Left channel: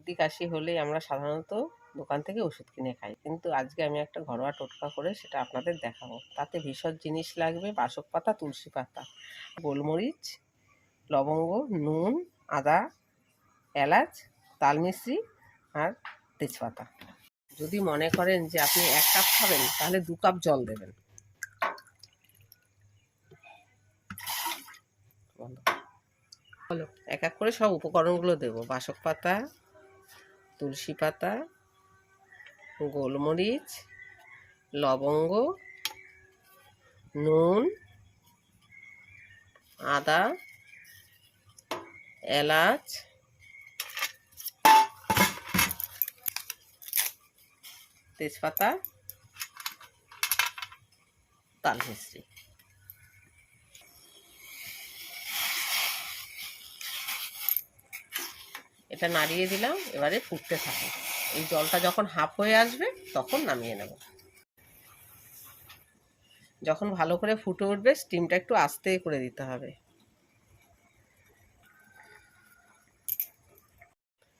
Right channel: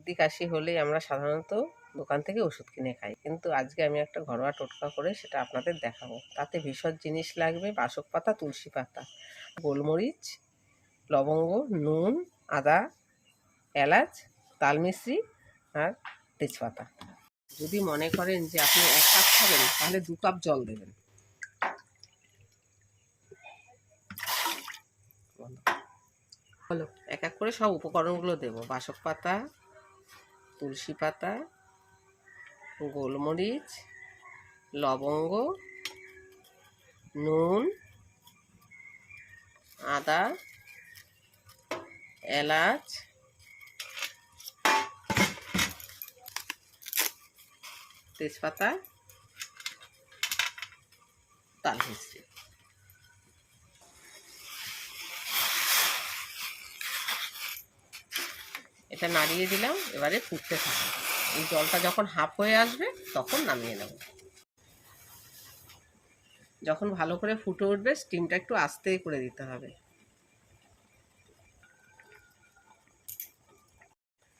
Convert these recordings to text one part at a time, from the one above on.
সর্দি কাশি হলেই আমরা সাধারণত দোকান থেকে ওষুধ কিনে খাই, কিন্তু আজকে আমি একটা ঘরোয়া টোটকা করে সেটা আপনাদের দেখাবো। তাতে ভীষণ জিনিস লাগবে: বাসক পাতা, তুলসী পাতা, গোলমরিচ, লবঙ্গ, নুন, আদা, এলাচ, তালমিশ্রি আর তেজপাতা। যদি মনে করেন যে আপনি 1 কাপ খাবেন, তাহলে 2 কাপ জল দেবেন। হলো, এক এক করে সব উপকরণগুলো দেব: বাসক পাতা, তুলসী পাতা, গোলমরিচ, লবঙ্গ, নুন, আদা, এলাচ, তেজপাতা, তালমিশ্রি। এটা নাড়িয়ে দিলাম, এবারে ফুটতে থাকে। এই জলটা যখন হাফ হয়ে আসবে তখন নামিয়ে নেব। যখন ভালো করে ফুটে উঠবে, স্টিমটা একটু আস্তে করে দিতে হবে।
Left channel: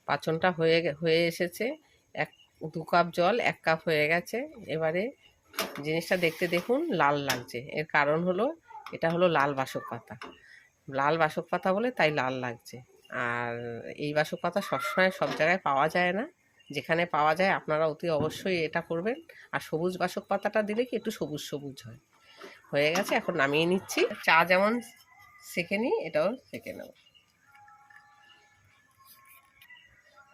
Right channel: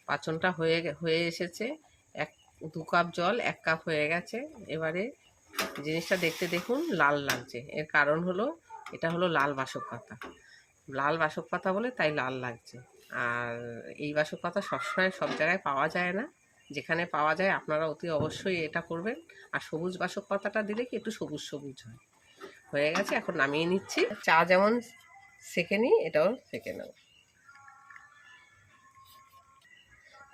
পাঁচনটা হয়ে এসেছে। 2 কাপ জল 1 কাপ হয়ে গেছে। এবারে জিনিসটা দেখতে দেখুন লাল লাগছে, এর কারণ হলো এটা হলো লাল বাসক পাতা। লাল বাসক পাতা বলে তাই লাল লাগছে। আর এই বাসক পাতা সবসময় সব জায়গায় পাওয়া যায় না, যেখানে পাওয়া যায় আপনারা অতি অবশ্যই এটা করবেন। আর সবুজ বাসক পাতাটা দিলে কি একটু সবুজ সবুজ হয়। হয়ে গেছে, এখন নামিয়ে নিচ্ছি। চা যেমন সেঁকে নিই, এটাও সেঁকে নেব।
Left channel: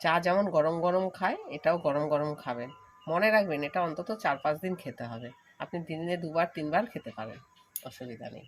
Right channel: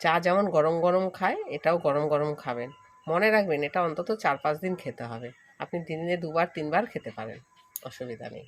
চা যেমন গরম গরম খায়, এটাও গরম গরম খাবেন। মনে রাখবেন, এটা অন্তত 4-5 দিন খেতে হবে। আপনি দিনে 2 বার 3 বার খেতে পারেন, অসুবিধা নেই।